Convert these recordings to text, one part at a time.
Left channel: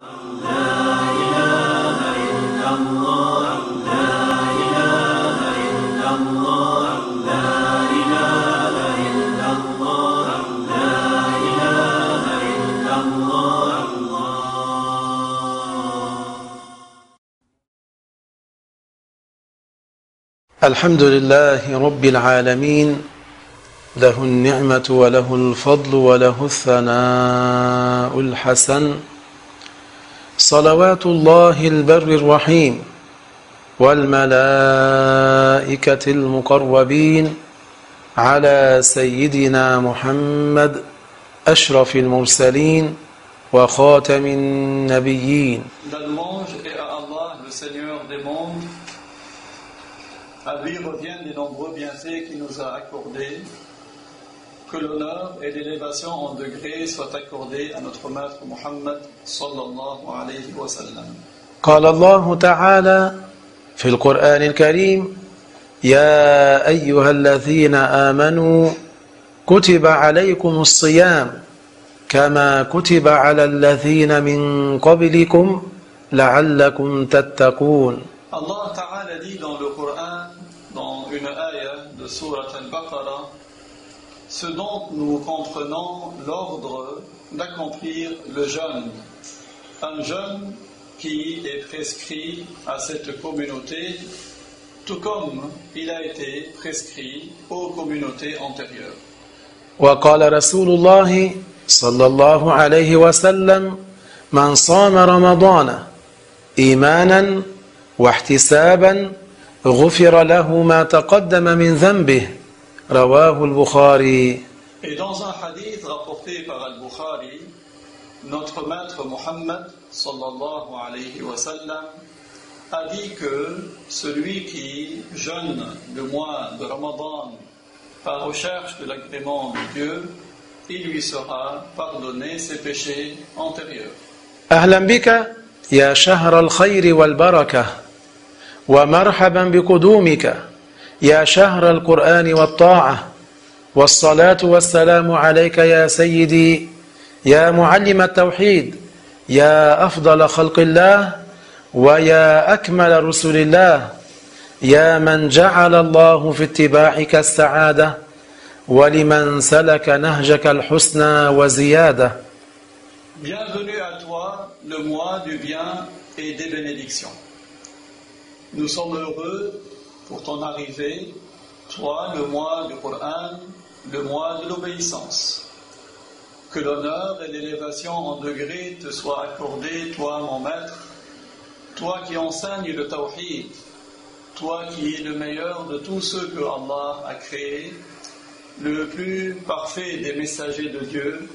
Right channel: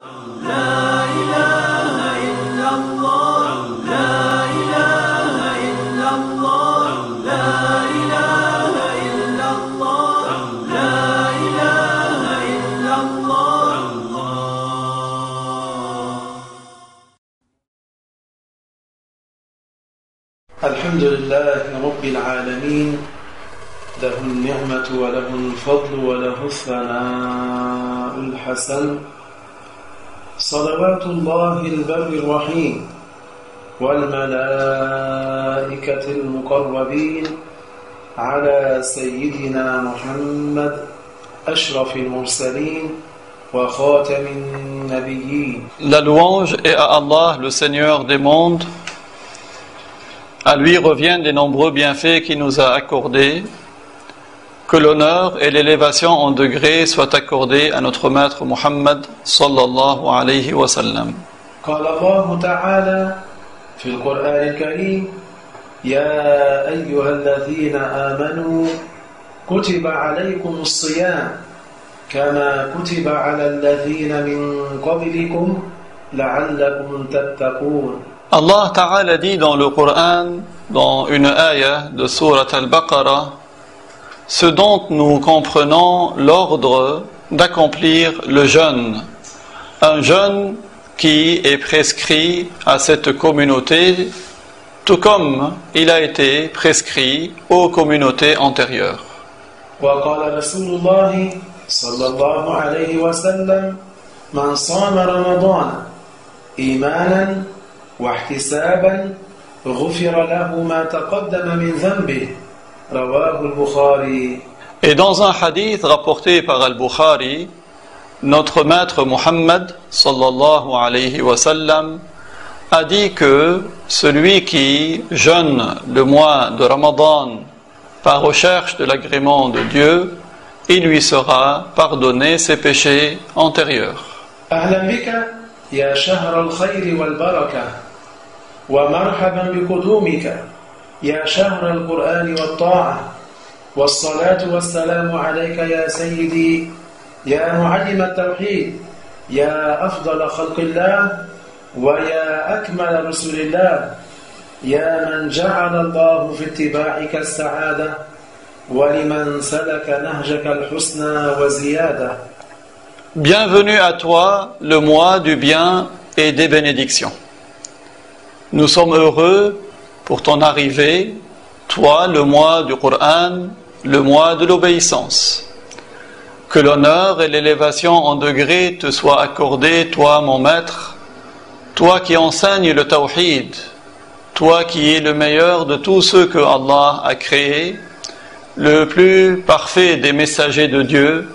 الحمد لله رب العالمين له النعمة وله الفضل وله الثناء الحسن صلوات الله البر الرحيم والملائكة المقربين على سيدنا محمد أشرف المرسلين وخاتم النبيين. La louange est à Allah, le Seigneur des mondes. À lui reviennent les nombreux bienfaits qu'il nous a accordés. Que l'honneur et l'élévation en degrés soient accordés à notre maître Muhammad sallallahu alayhi wa sallam. قال الله تعالى في القرآن الكريم يا أيها الذين آمنوا كتب عليكم الصيام كما كتب على الذين من قبلكم لعلكم تتقون. Allah Ta'ala dit dans le Coran, dans une ayah de Surat Al-Baqarah, ce dont nous comprenons l'ordre d'accomplir le jeûne, un jeûne qui est prescrit à cette communauté, tout comme il a été prescrit aux communautés antérieures. وقال رسول الله صلى الله عليه وسلم من صام رمضان إيمانا واحتسابا غفر له ما تقدم من ذنبه رواه البخاري. Et dans un hadith rapporté par Al-Bukhari, notre maître Muhammad sallallahu alayhi wa sallam a dit que celui qui jeûne le mois de Ramadan par recherche de l'agrément de Dieu, il lui sera pardonné ses péchés antérieurs. أهلا بك يا شهر الخير والبركة ومرحبا بقدومك يا شهر القرآن والطاعة والصلاة والسلام عليك يا سيدي يا معلم التوحيد يا أفضل خلق الله ويا أكمل رسل الله يا من جعل الله في اتباعك السعادة ولمن سلك نهجك الحسنى وزيادة. Bienvenue à toi, le mois du bien et des bénédictions. Nous sommes heureux pour ton arrivée, toi, le mois du Coran, le mois de l'obéissance. Que l'honneur et l'élévation en degrés te soient accordés, toi, mon maître, toi qui enseignes le tawhid, toi qui es le meilleur de tous ceux que Allah a créés, le plus parfait des messagers de Dieu,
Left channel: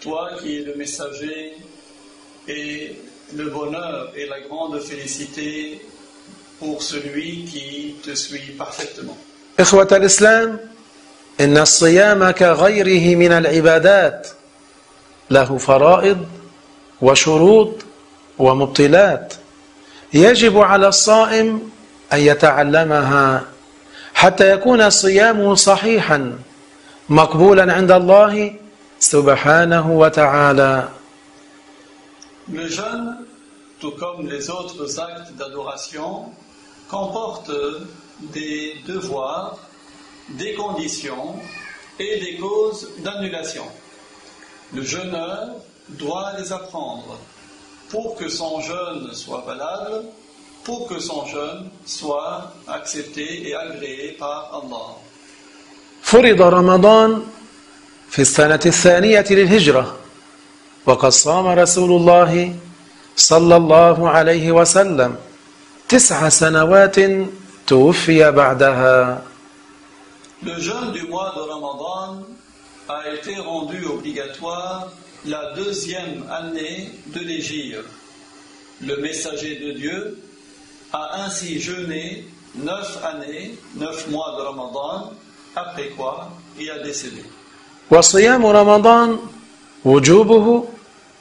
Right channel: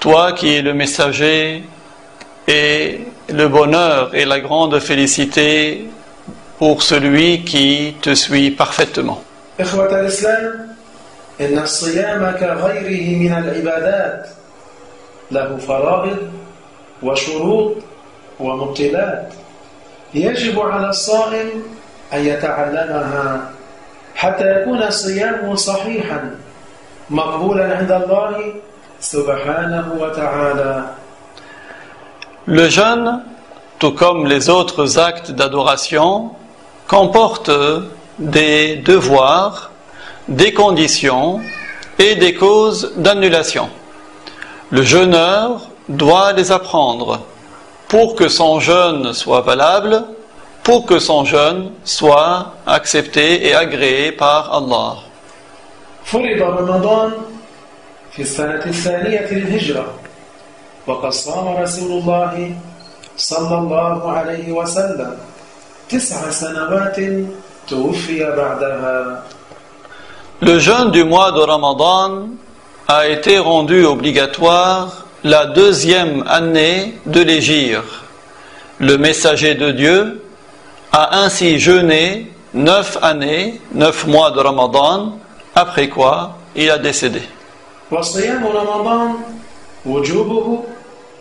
toi qui es le messager et le bonheur et la grande félicité pour celui qui te suit parfaitement. إخوة الإسلام إن الصيام كغيره من العبادات له فرائض وشروط ومبطلات يجب على الصائم أن يتعلمها حتى يكون صيامه صحيحا مقبولا عند الله سبحانه وتعالى. Le jeûne, tout comme les autres actes d'adoration, comporte des devoirs, des conditions et des causes d'annulation. Le jeûneur doit les apprendre pour que son jeûne soit valable, pour que son jeûne soit accepté et agréé par Allah. فرض رمضان في السنة الثانية للهجرة وقد صام رسول الله صلى الله عليه وسلم 9 سنوات توفي بعدها. Le jeûne du mois de Ramadan a été rendu obligatoire la 2e année de l'Hégire. Le messager de Dieu a ainsi jeûné 9 années, 9 mois de Ramadan, après quoi il a décédé. وصيام رمضان وجوبه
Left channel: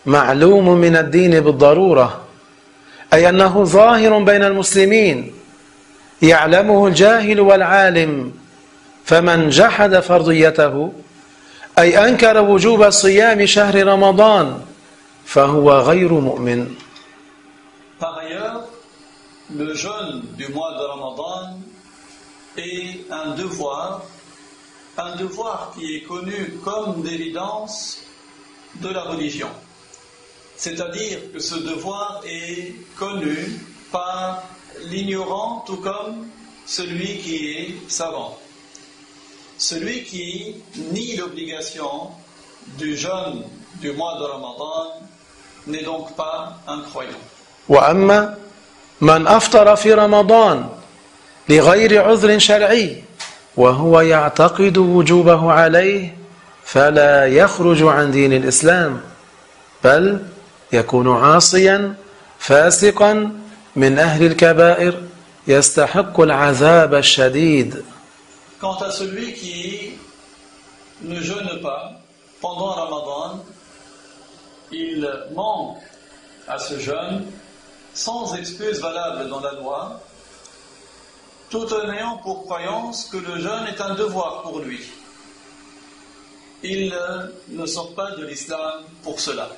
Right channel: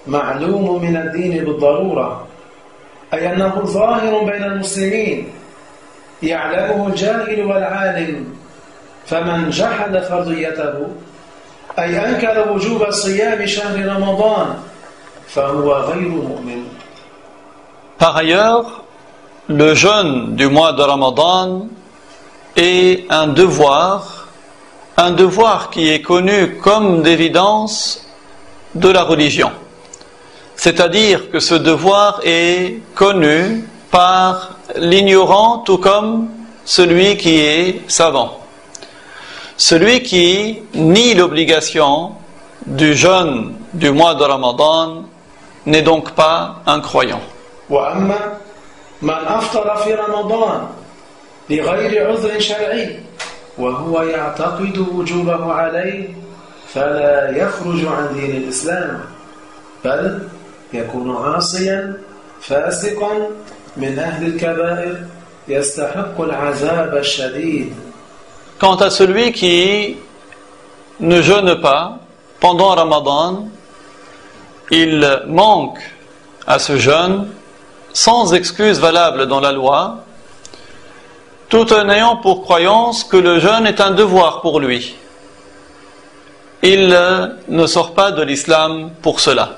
معلوم من الدين بالضرورة أي أنه ظاهر بين المسلمين يعلمه الجاهل والعالم فمن جحد فرضيته أي أنكر وجوب صيام شهر رمضان فهو غير مؤمن. Par ailleurs, le jeûne du mois de Ramadan est un devoir qui est connu comme d'évidence de la religion. C'est-à-dire que ce devoir est connu par l'ignorant tout comme celui qui est savant. Celui qui nie l'obligation du jeûne du mois de Ramadan n'est donc pas un croyant. وأما من أفطر في رمضان لغير عذر شرعي وهو يعتقد وجوبه عليه فلا يخرج عن دين الإسلام بل يكون عاصيا فاسقا من أهل الكبائر يستحق العذاب الشديد. Quant à celui qui ne jeûne pas pendant Ramadan, il manque à ce jeûne sans excuse valable dans la loi, tout en ayant pour croyance que le jeûne est un devoir pour lui. Il ne sort pas de l'islam pour cela.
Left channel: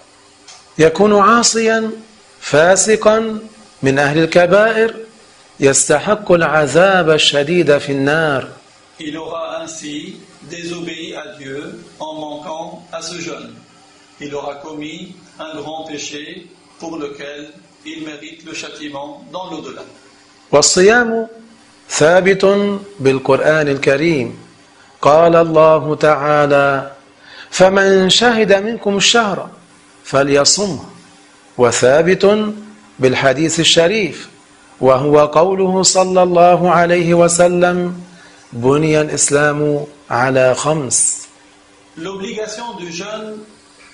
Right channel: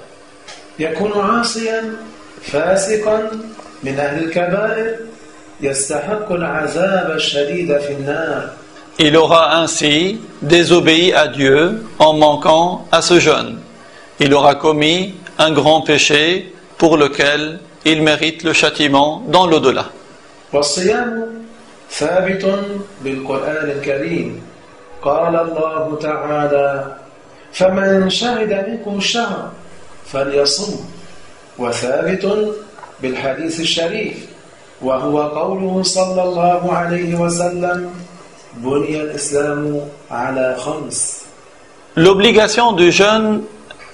يكون عاصيا فاسقا من أهل الكبائر يستحق العذاب الشديد في النار. Il aura ainsi désobéi à Dieu en manquant à ce jeûne. Il aura commis un grand péché pour lequel il mérite le châtiment dans l'au-delà. والصيام ثابت بالقرآن الكريم قال الله تعالى فمن شهد منكم الشهر فليصم وثابت بالحديث الشريف وهو قوله صلى الله عليه وسلم بني الإسلام على خمس. L'obligation du jeûne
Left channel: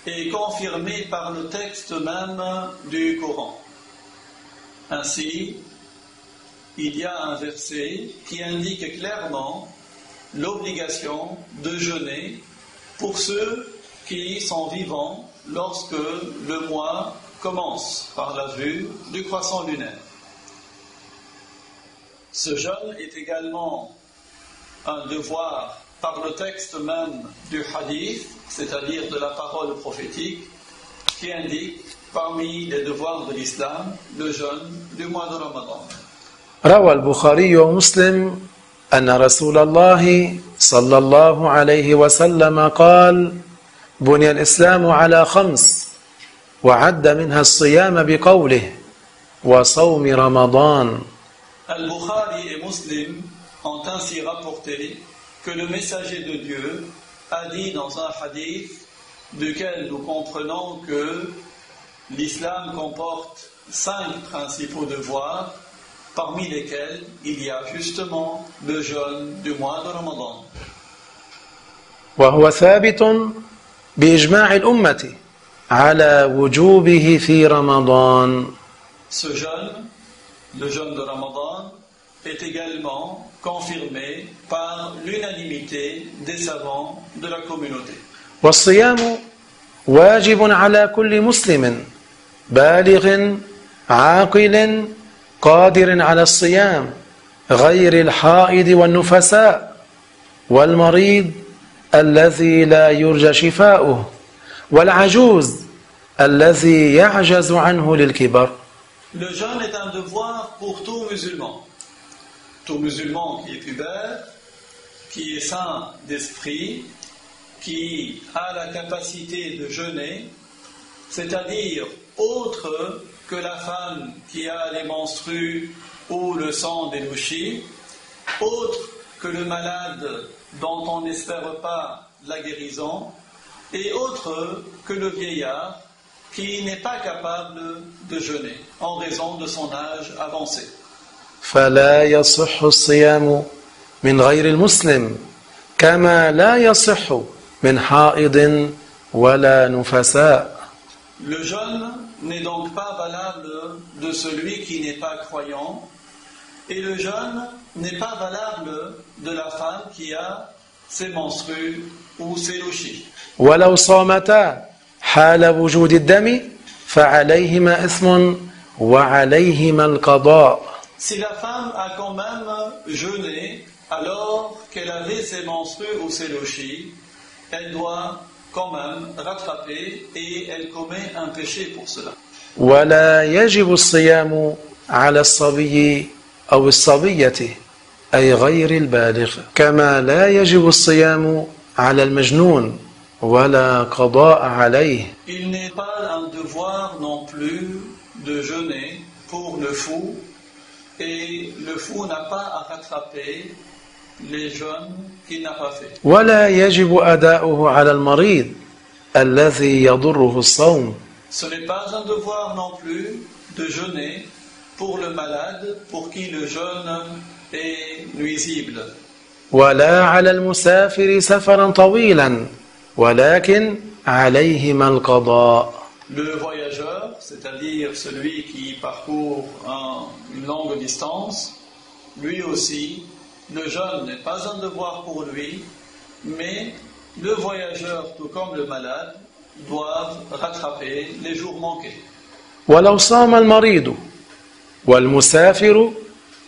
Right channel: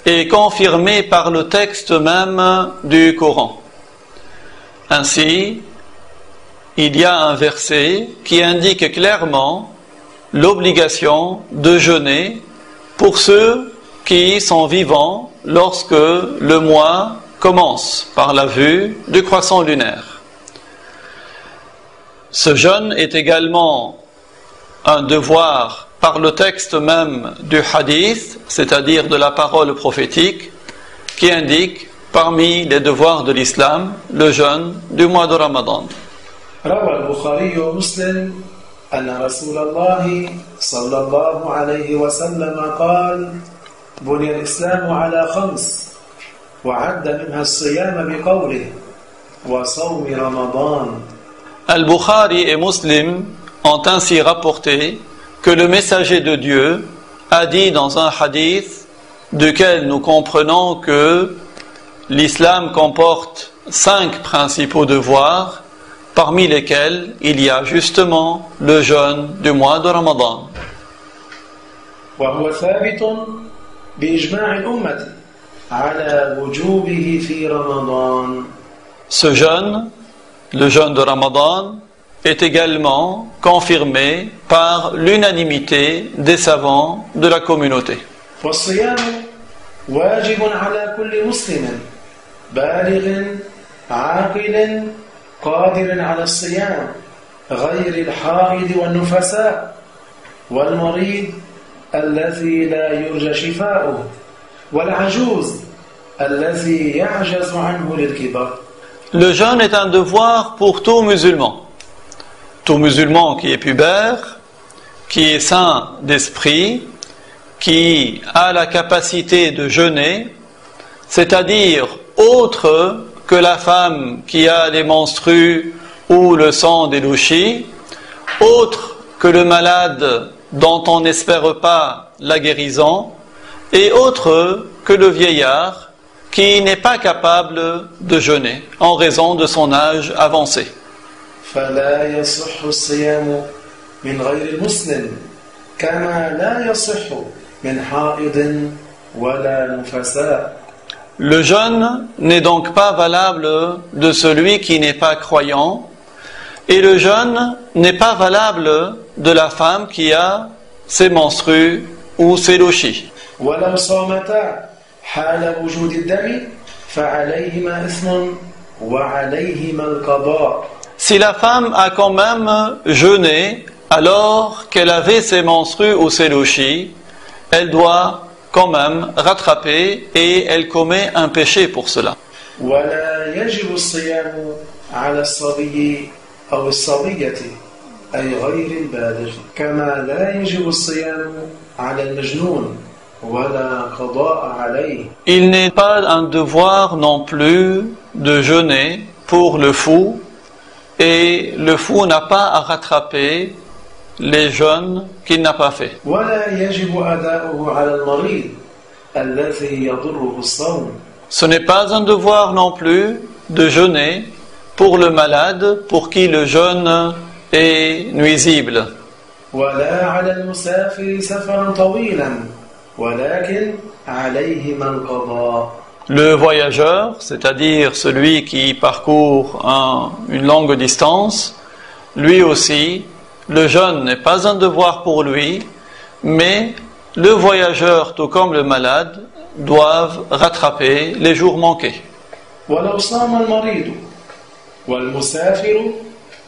est confirmée par le texte même du Coran. Ainsi, il y a un verset qui indique clairement l'obligation de jeûner pour ceux qui sont vivants lorsque le mois commence par la vue du croissant lunaire. Ce jeûne est également un devoir par le texte même du hadith, c'est-à-dire de la parole prophétique, qui indique parmi les devoirs de l'islam le jeûne du mois de Ramadan. روى البخاري ومسلم أن رسول الله صلى الله عليه وسلم قال بني الإسلام على خمس وعد منها الصيام بقوله وصوم رمضان. Al-Bukhari et Muslim ont ainsi rapporté que le messager de Dieu a dit dans un hadith duquel nous comprenons que l'islam comporte 5 principaux devoirs, parmi lesquels il y a justement le jeûne du mois de Ramadan. وهو ثابت بإجماع الأمة على وجوبه في رمضان. Ce jeûne, le jeûne de Ramadan, est également confirmé par l'unanimité des savants de la communauté. والصيام واجب على كل مسلم بالغ عاقل قادر على الصيام غير الحائض والنفساء والمريض الذي لا يرجى شفاؤه والعجوز الذي يعجز عنه للكبر. Le jeûne est un devoir pour tout musulman. Tout musulman qui est pubère, qui est sain d'esprit, qui a la capacité de jeûner, c'est-à-dire autre que la femme qui a les menstrues ou le sang des louchis, autre que le malade dont on n'espère pas la guérison, et autre que le vieillard qui n'est pas capable de jeûner en raison de son âge avancé. فلا يصح الصيام من غير المسلم كما لا يصح من حائض ولا نفساء. Le jeûne n'est donc pas valable de celui qui n'est pas croyant, et le jeûne n'est pas valable de la femme qui a ses menstrues ou ses louchis. ولو صامتا حال وجود الدم فعليهما إثم وعليهما القضاء. Si la femme a quand même jeûné alors qu'elle avait ses menstrues ou ses louchis, elle doit quand même rattraper et elle commet un péché pour cela. ولا يجب الصيام على الصبي أو الصبية أي غير البالغ كما لا يجب الصيام على المجنون ولا قضاء عليه. Il n'est pas un devoir non plus de jeûner pour le fou, et le fou n'a pas à rattraper les jeûnes qu'il n'a pas fait. ولا يجب أداؤه على المريض الذي يضره الصوم. Ce n'est pas un devoir non plus de jeûner pour le malade pour qui le jeûne est nuisible. ولا على المسافر سفرا طويلا ولكن عليهما القضاء. Le voyageur, c'est-à-dire celui qui parcourt une longue distance, lui aussi, le jeûne n'est pas un devoir pour lui, mais le voyageur, tout comme le malade, doivent rattraper les jours manqués. ولو صام المريض والمسافر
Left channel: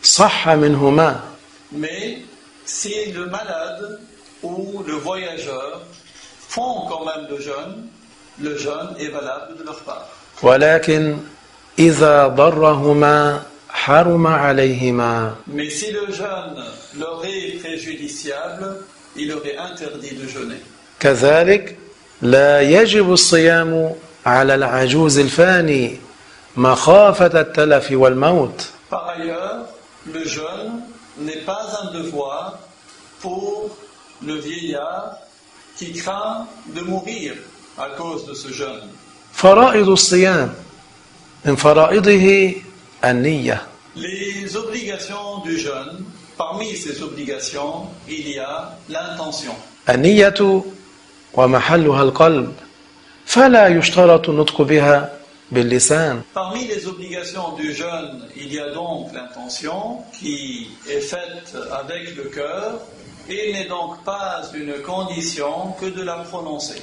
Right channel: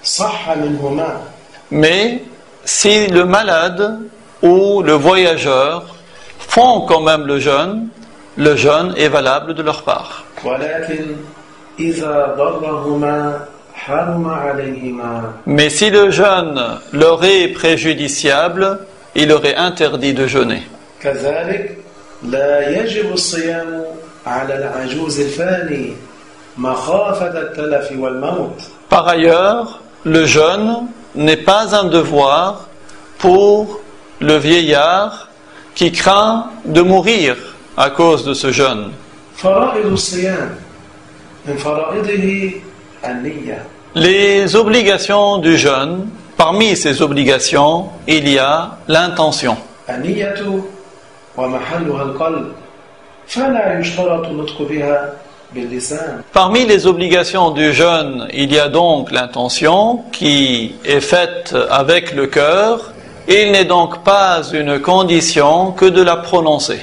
صح منهما. Mais si le malade ou le voyageur font quand même le jeûne est valable de leur part. ولكن إذا ضرهما حرم عليهما. Mais si le jeûne leur est préjudiciable, il leur est interdit de jeûner. كذلك لا يجب الصيام على العجوز الفاني مخافة التلف والموت. Par ailleurs, le jeûne n'est pas un devoir pour le vieillard qui craint de mourir à cause de ce jeûne. فرائض الصيام من فرائضه النية. Les obligations du jeûne, parmi ces obligations, il y a l'intention. النية ومحلها القلب فلا يشترط النطق بها باللسان. Parmi les obligations du jeûne, il y a donc l'intention qui est faite avec le cœur. Il n'est donc pas une condition que de la prononcer.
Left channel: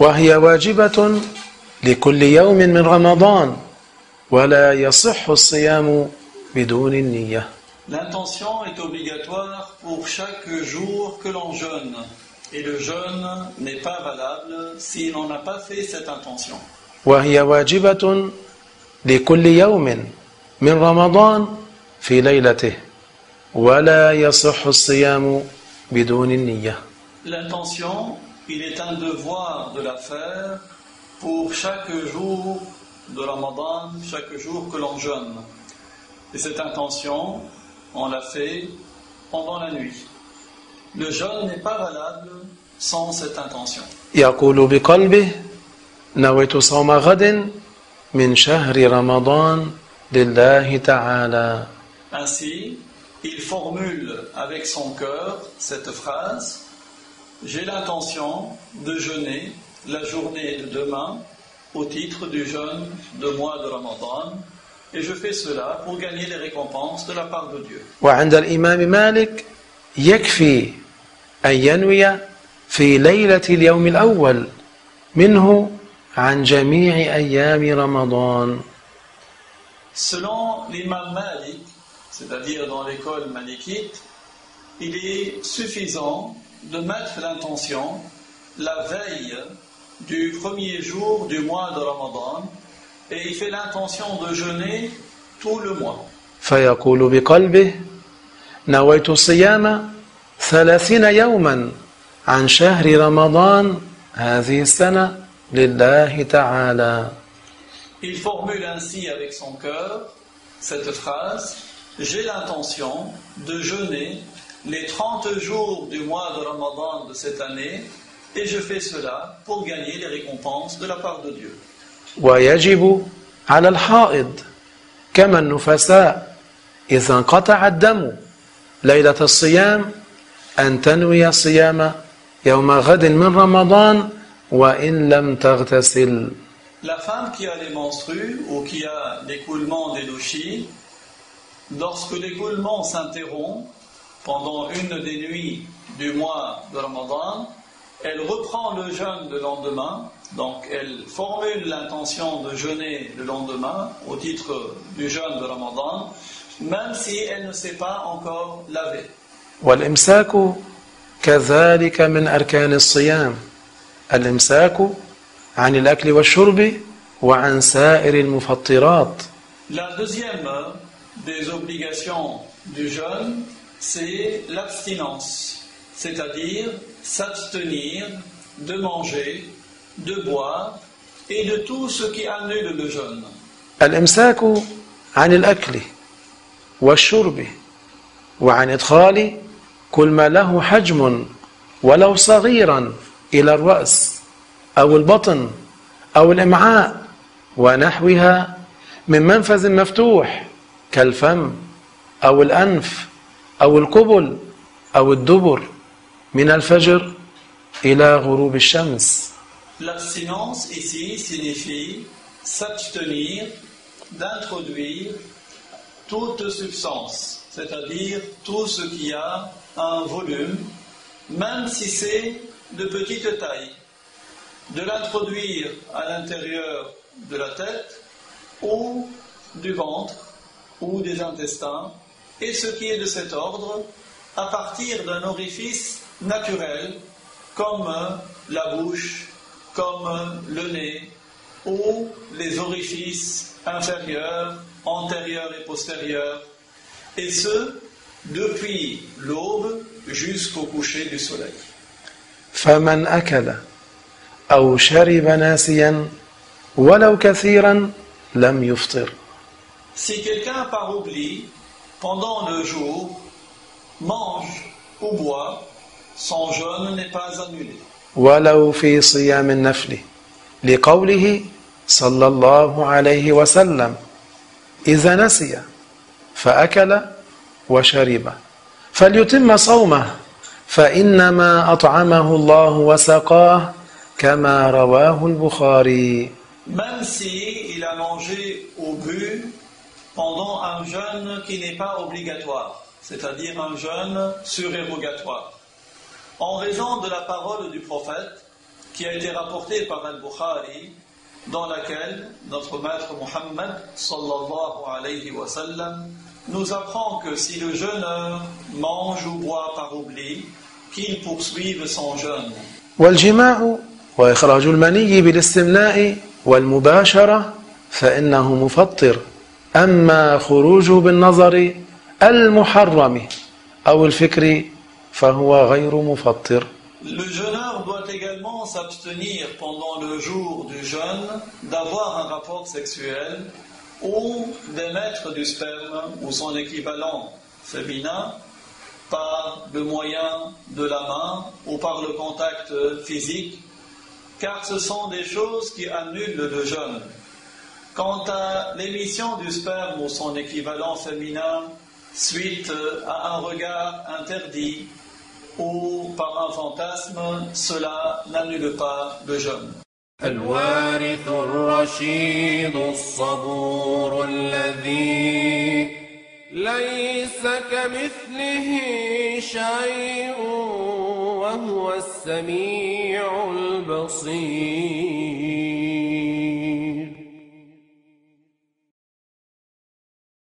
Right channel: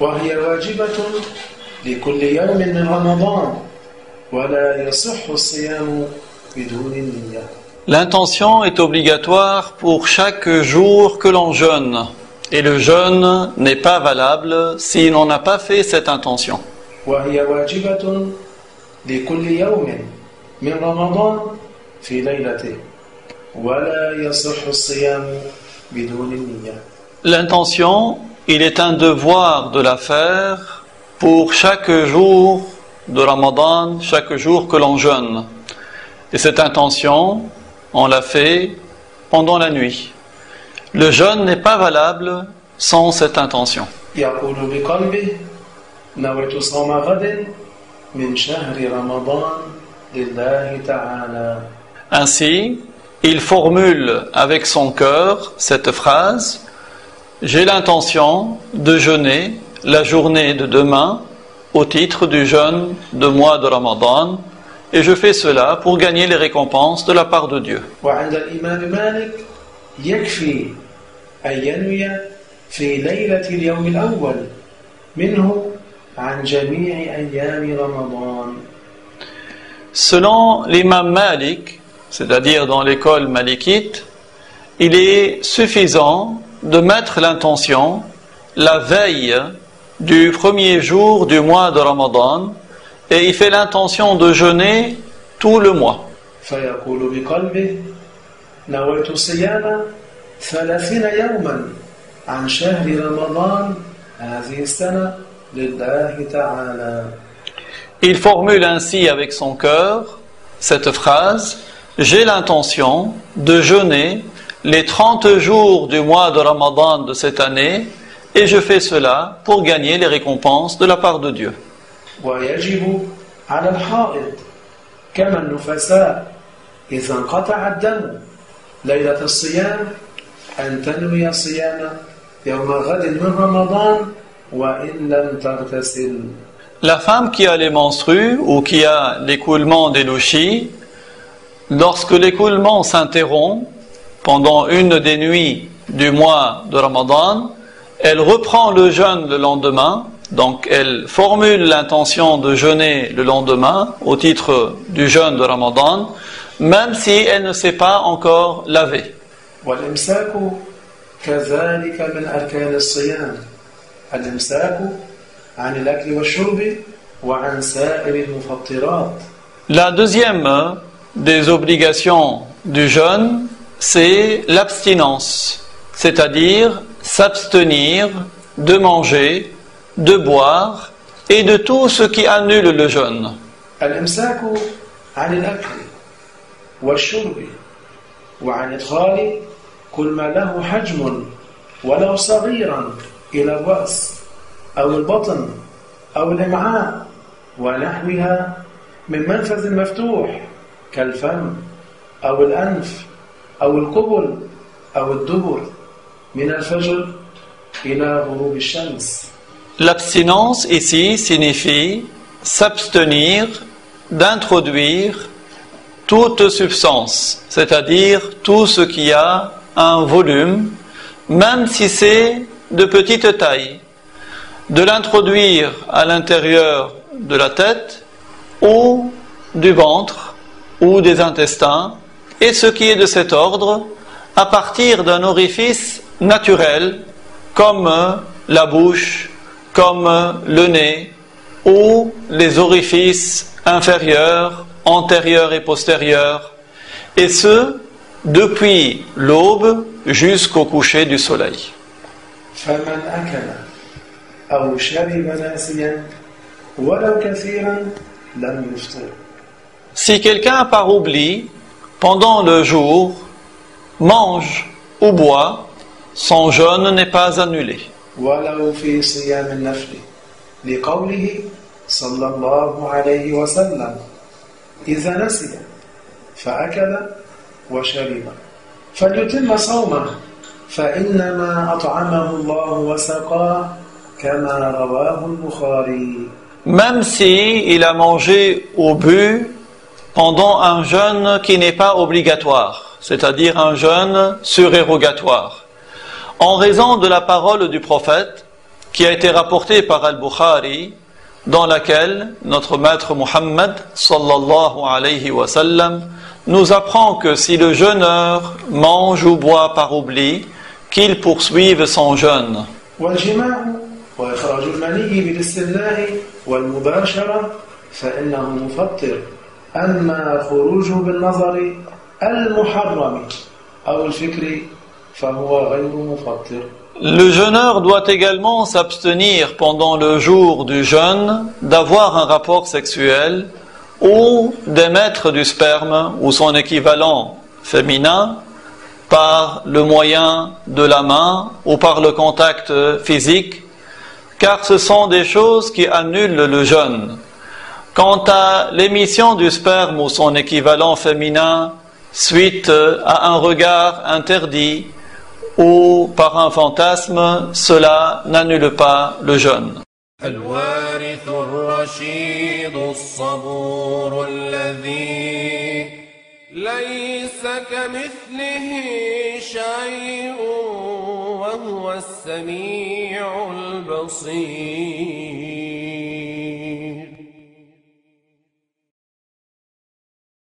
وهي واجبة لكل يوم من رمضان ولا يصح الصيام بدون النية. L'intention est obligatoire pour chaque jour que l'on jeûne. Et le jeûne n'est pas valable si l'on n'a pas fait cette intention. وهي واجبة لكل يوم من رمضان في ليلته ولا يصح الصيام بدون النية. L'intention, il est un devoir de la faire pour chaque jour de Ramadan, chaque jour que l'on jeûne. Et cette intention, on l'a fait pendant la nuit. Le jeûne n'est pas valable sans cette intention. يقول بقلبه نويت صوم غد من شهر رمضان لله تعالى. Ainsi, il formule avec son cœur cette phrase: j'ai l'intention de jeûner la journée de demain au titre du jeûne de mois de Ramadan, et je fais cela pour gagner les récompenses de la part de Dieu. وعند الإمام مالك يكفي أن ينوي في ليلة اليوم الأول منه عن جميع أيام رمضان. Selon l'imam Malik, c'est-à-dire dans l'école malikite, il est suffisant de mettre l'intention la veille du premier jour du mois de Ramadan, et il fait l'intention de jeûner tout le mois. فيقول بقلبه نويت صيام 30 يوما عن شهر رمضان هذه السنة لله تعالى. Il formule ainsi avec son cœur cette phrase: j'ai l'intention de jeûner les 30 jours du mois de Ramadan de cette année, et je fais cela pour gagner les récompenses de la part de Dieu. ويجب على الحائض كما النفساء إذا انقطع الدم ليلة الصيام أن تنوي صيام يوم غد من رمضان وإن لم تغتسل. La femme qui a les menstrues ou qui a l'écoulement des louchis, lorsque l'écoulement s'interrompt pendant une des nuits du mois de Ramadan, elle reprend le jeûne le lendemain, donc elle formule l'intention de jeûner le lendemain au titre du jeûne de Ramadan, même si elle ne s'est pas encore lavée. والإمساك كذلك من أركان الصيام الإمساك عن الأكل والشرب وعن سائر المفطرات. La deuxième des obligations du jeûne, c'est l'abstinence, c'est-à-dire s'abstenir de manger, de boire et de tout ce qui annule le jeûne. الإمساك عن الأكل والشرب وعن إدخال كل ما له حجم ولو صغيرا إلى الرأس أو البطن أو الإمعاء ونحوها من منفذ مفتوح كالفم أو الأنف أو القبل أو الدبر من الفجر إلى غروب الشمس. L'abstinence ici signifie s'abstenir d'introduire toute substance, c'est-à-dire tout ce qui a un volume, même si c'est de petite taille, de l'introduire à l'intérieur de la tête ou du ventre ou des intestins, et ce qui est de cet ordre à partir d'un orifice naturel comme la bouche, comme le nez ou les orifices inférieurs, antérieurs et postérieurs, et ce depuis l'aube jusqu'au coucher du soleil. فمن أكل أو شرب ناسيا ولو كثيرا لم يفطر. Si quelqu'un par oubli, pendant le jour, mange ou boit, son jeûne n'est pas annulé. ولو في صيام النفل لقوله صلى الله عليه وسلم إذا نسي فأكل وشرب فليتم صومه فإنما أطعمه الله وسقاه كما رواه البخاري. Même si il a mangé ou bu pendant un jeûne qui n'est pas obligatoire, c'est-à-dire un jeûne surérogatoire, en raison de la parole du prophète qui a été rapportée par Al-Bukhari, dans laquelle notre maître Muhammad sallallahu alayhi wa sallam nous apprend que si le jeûneur mange ou boit par oubli, qu'il poursuive son jeûne. والجماع وإخراج المني بالاستمناء والمباشرة فإنه مفطر. أما خروجه بالنظر المحرم أو الفكر فهو غير مفطر. Le jeûneur doit également s'abstenir pendant le jour du jeûne d'avoir un rapport sexuel ou d'émettre du sperme ou son équivalent féminin par le moyen de la main ou par le contact physique, car ce sont des choses qui annulent le jeûne. Quant à l'émission du sperme ou son équivalent féminin suite à un regard interdit ou par un fantasme, cela n'annule pas le jeûne. الوارث الرشيد الصبور الذي ليس كمثله شيء وهو السميع البصير.